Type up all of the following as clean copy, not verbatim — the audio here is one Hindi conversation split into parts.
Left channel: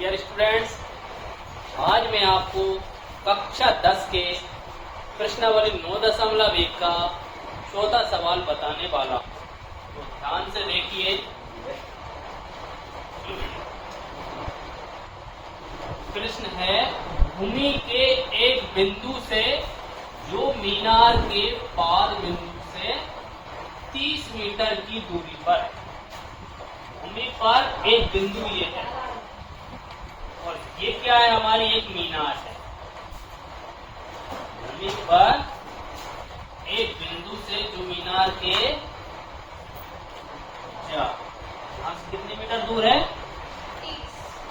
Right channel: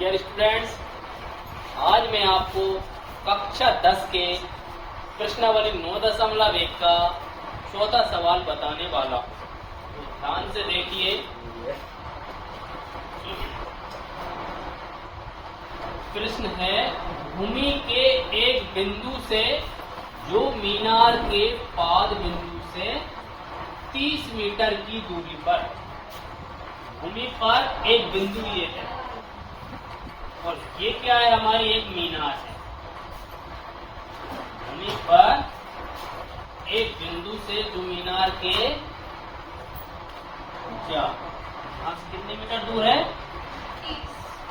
डियर स्टूडेंट्स, आज मैं आपको कक्षा 10 के प्रश्नावली 9.1 का चौथा सवाल बताने वाला हूँ। तो ध्यान से देखिए। प्रश्न है, भूमि के एक बिंदु से जो मीनार के पाद बिंदु से 30 मीटर की दूरी पर, भूमि पर एक बिंदु ये है और ये क्या है, हमारी एक मीनार है। भूमि पर एक बिंदु से जो मीनार के यहाँ से कितने मीटर दूर है,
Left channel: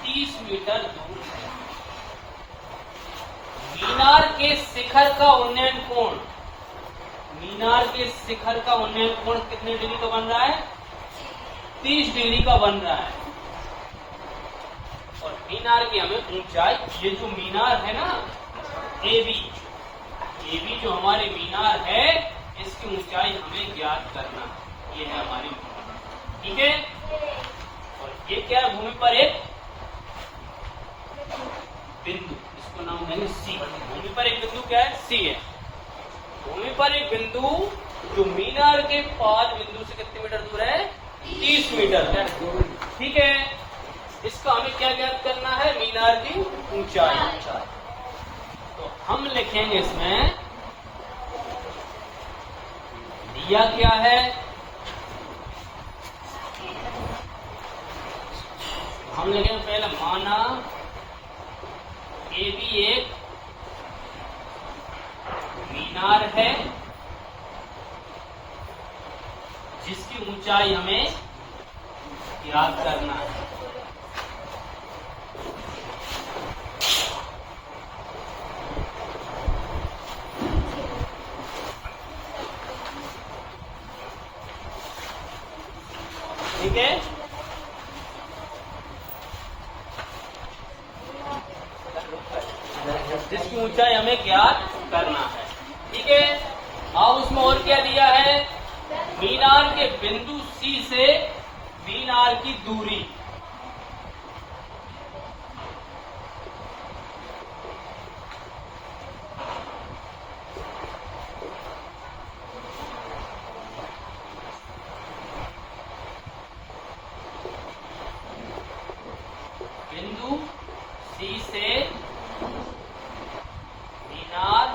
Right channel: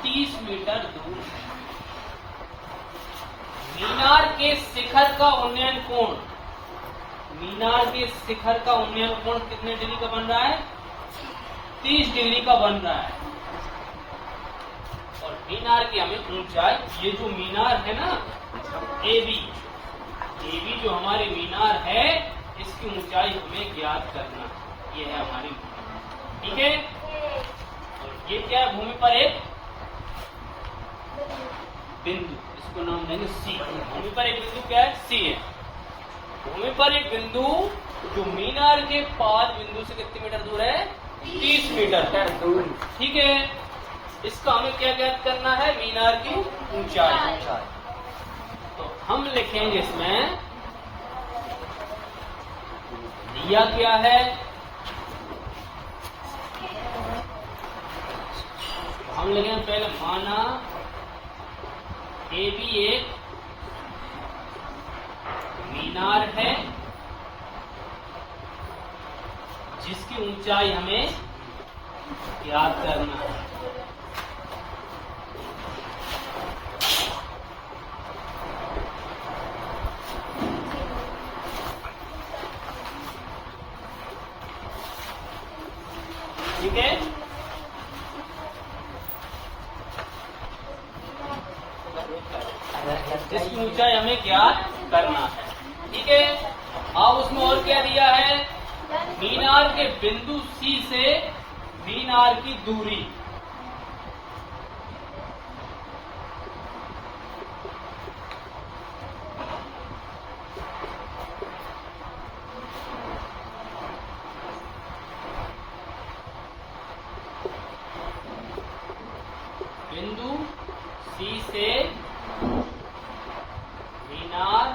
30 मीटर दूर है। मीनार के शिखर का उन्नयन कोण, मीनार के शिखर का उन्नयन कोण कितने डिग्री का बन रहा है, 30 डिग्री का बन रहा है। और मीनार की हमें ऊंचाई, ये जो मीनार है ना एबी जो हमारे मीनार है, इसकी ऊंचाई हमें ज्ञात करना है। ये है हमारी भूमि, ठीक है। और ये क्या है, भूमि पर एक बिंदु, इसको नाम देंगे सी। भूमि पर एक बिंदु क्या है, सी है। भूमि पर एक बिंदु जो मीनार के पाद बिंदु से कितने मीटर दूर है, 30 मीटर दूर, ठीक है। इसका हमें क्या ज्ञात करना है, मीनार की ऊंचाई। तो हम लिखेंगे इसमें, दिया क्या है, हम लिखेंगे पहले, माना ए भी एक मीनार है जिसकी ऊंचाई हमें ज्ञात करना है। ठीक है, जिसकी ऊंचाई हमें ज्ञात करना है, ठीक है। अब उसमें और क्या दिया है, मीनार के बिंदु सी से मीनार की दूरी, बिंदु सी से मीनार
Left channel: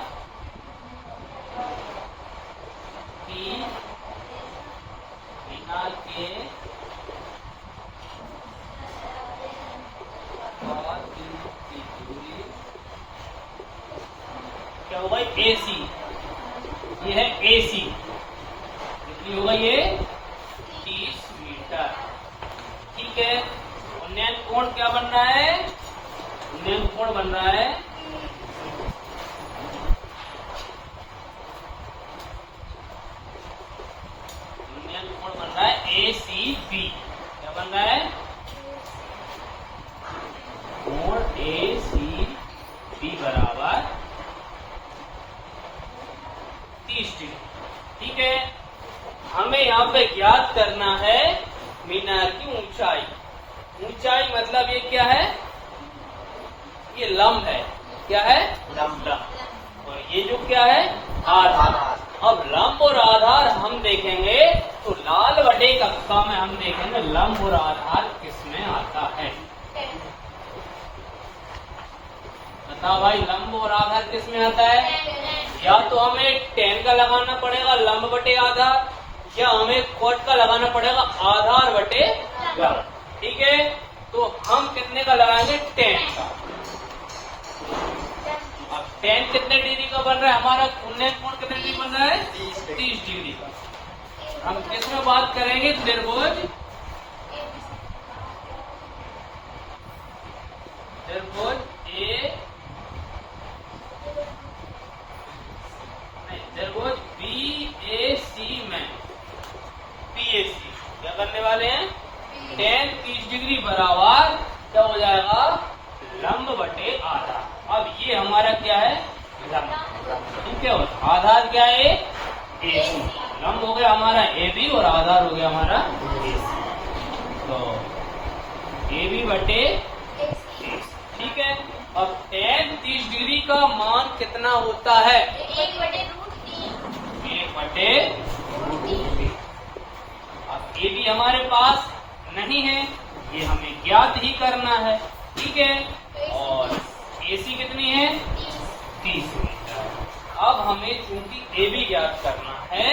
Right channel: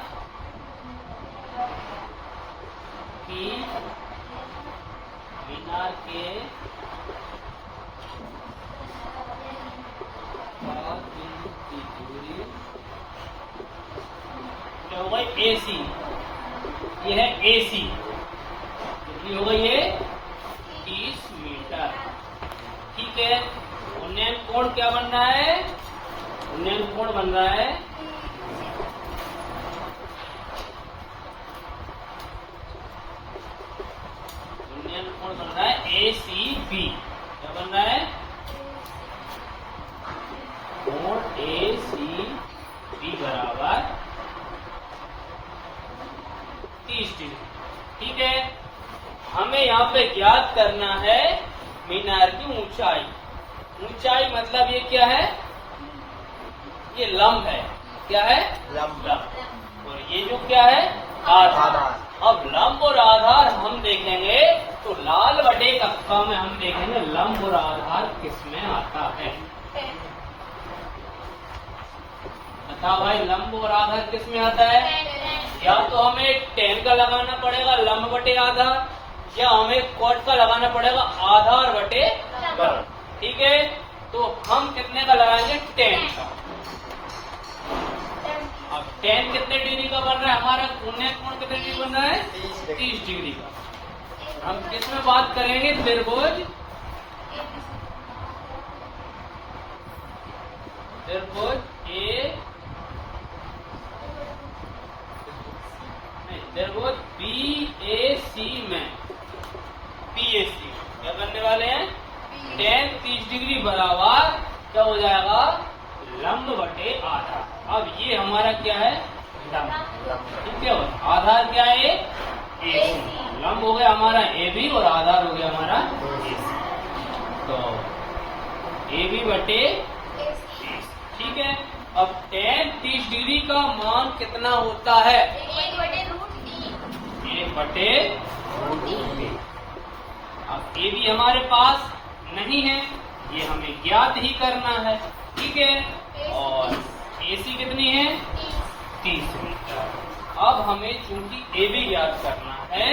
के बिंदु की दूरी क्या होगा, AC। ये है AC, कितनी होगा ये, 30 मीटर, ठीक है। उन्नयन कोण क्या बन रहा है, उन्नयन कोण बन रहा है ACB। क्या बन रहा है, कोण ACB बराबर 30 डिग्री, ठीक है। हमें यहाँ पे ज्ञात करना है मीनार की ऊंचाई। ऊंचाई मतलब ये क्या है, ये लंब है, क्या है, लंब। और ये जो क्या है, आधार। अब लंब और आधार हम देखेंगे तो लाल बटे कक्षा में हम देखेंगे लंब और आधार किसमें आता है। बता भाई, लंब और आधार किसमें आता है? या तो हमें tan का लगाना पड़ेगा लंब बटे आधार, या हमें cot का लगाना पड़ेगा आधार बटे लंब, ठीक है। तो हम कितने का लगाएंगे, tan का। अब tan कितने डिग्री का बन रहा है, हमारा उन्नयन कोण कितने डिग्री बन रहा है, 30 डिग्री का। हम किस में बात करेंगे, त्रिभुज त्रिभुज BAC में, PAC क्या करने वाले हैं, tan 30 डिग्री बराबर क्या हो जाएगा, लंब बटे आधार। अब ये हमारा क्या है, लंब, ठीक है। और आधार क्या है, AC। लंब हो गया हमारा AB और आधार हो गया हमारा AC। तो AB बटे 30। ठीक है, अब tan 30 डिग्री का मान कितना होता है? 1/√3। अब ये भी हमारे पास नहीं है, ये हमें ज्ञात ही करना है। ठीक है, और AC कितनी है? 30 मीटर। अब हमें चूंकि AB ज्ञात करना है,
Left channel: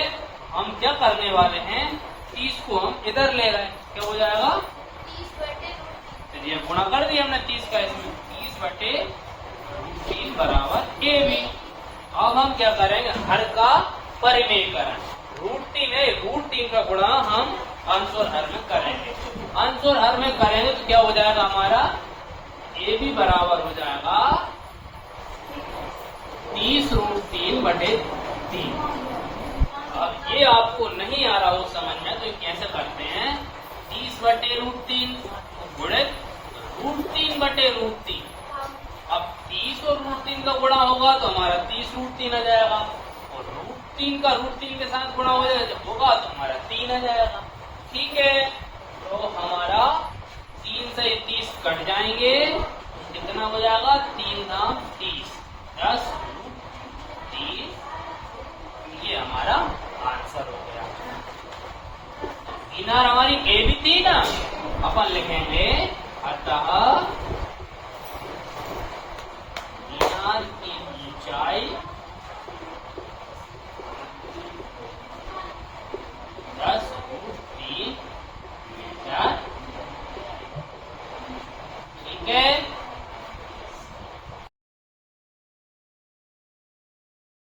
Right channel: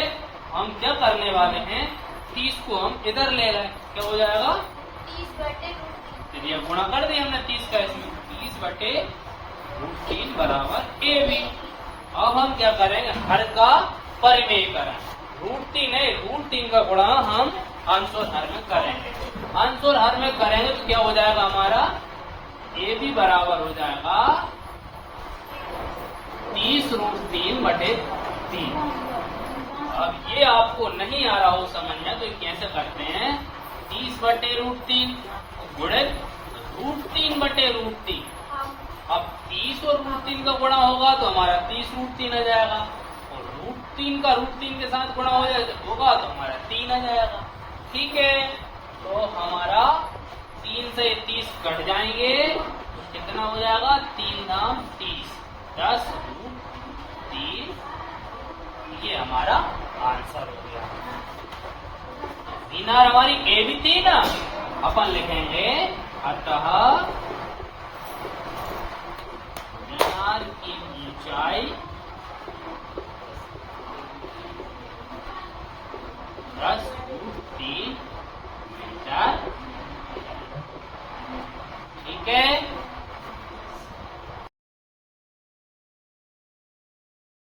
हम क्या करने वाले हैं, 30 को हम इधर ले रहे हैं, क्या हो जाएगा? 30/√3। गुणा कर दिया हमने 30 का इसमें, 30/√3 बराबर AB। अब हम क्या करेंगे, हर का परिमेयकरण, √3 है, √3 का गुणा हम अंश और हर में करेंगे। अंश और हर में करेंगे तो क्या हो जाएगा हमारा? AB बराबर हो जाएगा 30√3/3। अब ये आपको नहीं आ रहा हो समझ में तो कैसे करते हैं, 30/√3 गुणित √3/√3। अब 30 और √3 का गुणा होगा तो हमारा 30√3 आ जाएगा, और √3 का √3 के साथ गुणा हो जाएगा होगा तो हमारा 3 आ जाएगा। ठीक है, तो हमारा 3 से 30 कट जाएंगे तो कितना हो जाएगा? 3 दाम 30, 10√3। ये हमारा आंसर हो गया। मीनार हमारी ए भी थी ना, अपन लिखेंगे अतः मीनार की ऊंचाई